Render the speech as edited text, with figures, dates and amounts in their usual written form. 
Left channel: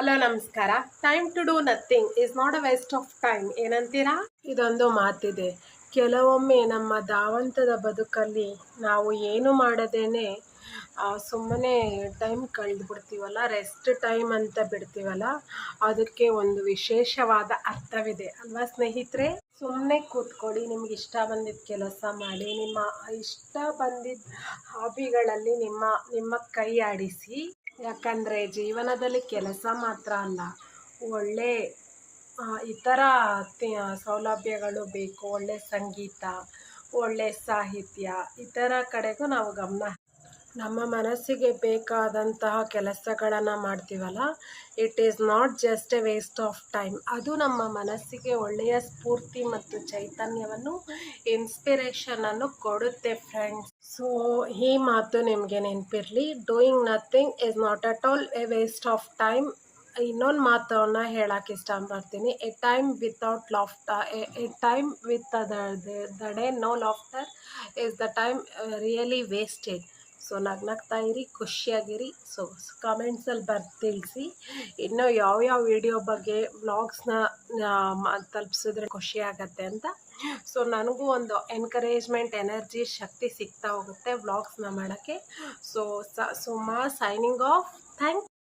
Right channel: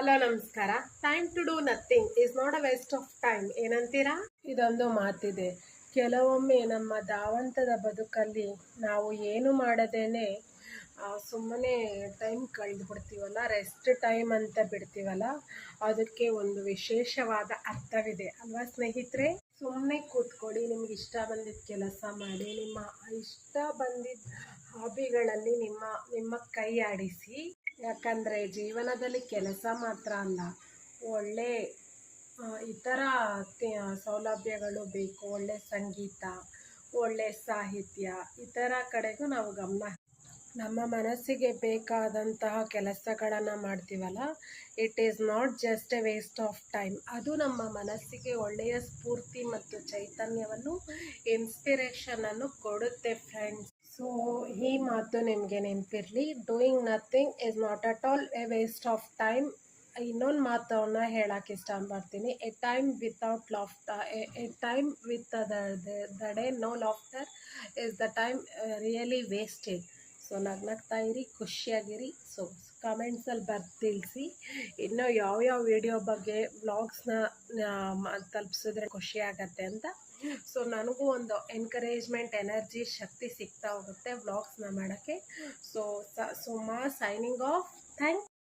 Hello ನಮಸ್ಕಾರ. Time to do nothing is not a waste of time ಏನಂತೀರಾ? ಇದೊಂದು ಮಾತಿದೆ. ಕೆಲವೊಮ್ಮೆ ನಮ್ಮ ಧಾವಂತದ ಬದುಕಲ್ಲಿ ನಾವು ಏನು ಮಾಡದೇನೆ ಸುಮ್ಮನೆ ಟೈಮ್ ಕಳೆದುಬಿಡ್ತೀವಲ್ಲ, ರೆಸ್ಟ್ ಟೈಮ್ ಅಂತ ಬಿಡ್ತೀವಲ್ಲ, ಅದಕ್ಕೆ ಒಂದು ವಿಶೇಷವಾದ ಅರ್ಥವಿದೆ ಅಲ್ವಾ ಸ್ನೇಹಿತರೆ? ಸುಮ್ಮನೆ ಕೂತ್ಕೊಳ್ಳಿ, ನಿಮ್ಗೆ ಇಷ್ಟ ಬಂದಿದ್ದ ಕೆಲಸ ಮಾಡಿ, ನಿಮ್ಮ ಇಷ್ಟ ಬಂದಿದ್ದ ಹಾಬಿಗಳಲ್ಲಿ ನಿಮ್ಮ ಕೈ ಆಡಿಸಿ. ಯಾಕಂದರೆ ಜೀವನದಲ್ಲಿ ಕೆಲಸ ಮಾತ್ರ ಅಲ್ಲ, ಒಳ್ಳೆ ಇತರ ಸೌಲಭ್ಯಗಳು ಬೇಕು. ಒಳ್ಳೆ ಸಂಗೀತ, ಒಳ್ಳೆ ಸಾಹಿತ್ಯ, ಇತರ ಕಡೆಗೂ ನಾವು ಗಮನ. ನಮ್ಮ ಮನಸ್ಸಿಗೆ ಬೇಕಾದಂತಹ ಕೆಲಸಗಳನ್ನು ಮಾಡ್ತೀವಲ್ಲ, it is not just A waste of time. ಅದು ನಮ್ಮ ಮನಸ್ಸಿಗೆ ಒಳ್ಳೆಯ ಸ್ಫೂರ್ತಿ ಮತ್ತು ಚೈತನ್ಯವನ್ನು, ಇನ್ಸ್ಪಿರೇಷನನ್ನು ಕೊಡುತ್ತೆ ಫ್ರೆಂಡ್ಸ್. ಸೊ ಈ ಮಾತು ನಿಮಗೆ ನೆನಪಿರಲಿ, doing nothing is not at all a waste of time. ಇನ್ನೊಂದು ಮಾತನ್ನು ಹೇಳಕ್ಕೆ ಇಷ್ಟಪಡ್ತೀನಿ, a time without laughter, a time with the day no laughter is the time really wasted. So ನಗ್ನಗ್ತಾ ಇರಿ, ಖುಷಿಯಾಗಿರಿ. ಸೊ ಕಮೆಂಟ್ಸಲ್ಲಿ ತಿಳಿಸಿ ಇನ್ನೂ ಯಾವ್ಯಾವ ವಿಡಿಯೋ ಬಗ್ಗೆ ವ್ಲಾಗ್ಸ್ನ ತಲುಪಿಸಿದ್ರೆ ಖುಷಿ ಆಗತ್ತೆ ಅಂತ. ಸೊ ನನಗೂ ಒಂದು ಎನ್ಕರೇಜ್ಮೆಂಟ್, ಎನರ್ಜಿ, ಶಕ್ತಿ ಸಿಗ್ತಾ ಹೋಗುತ್ತೆ ವ್ಲಾಗ್ಸ್ನ ಮಾಡೋಕ್ಕೆ. So Suma signing off. Thank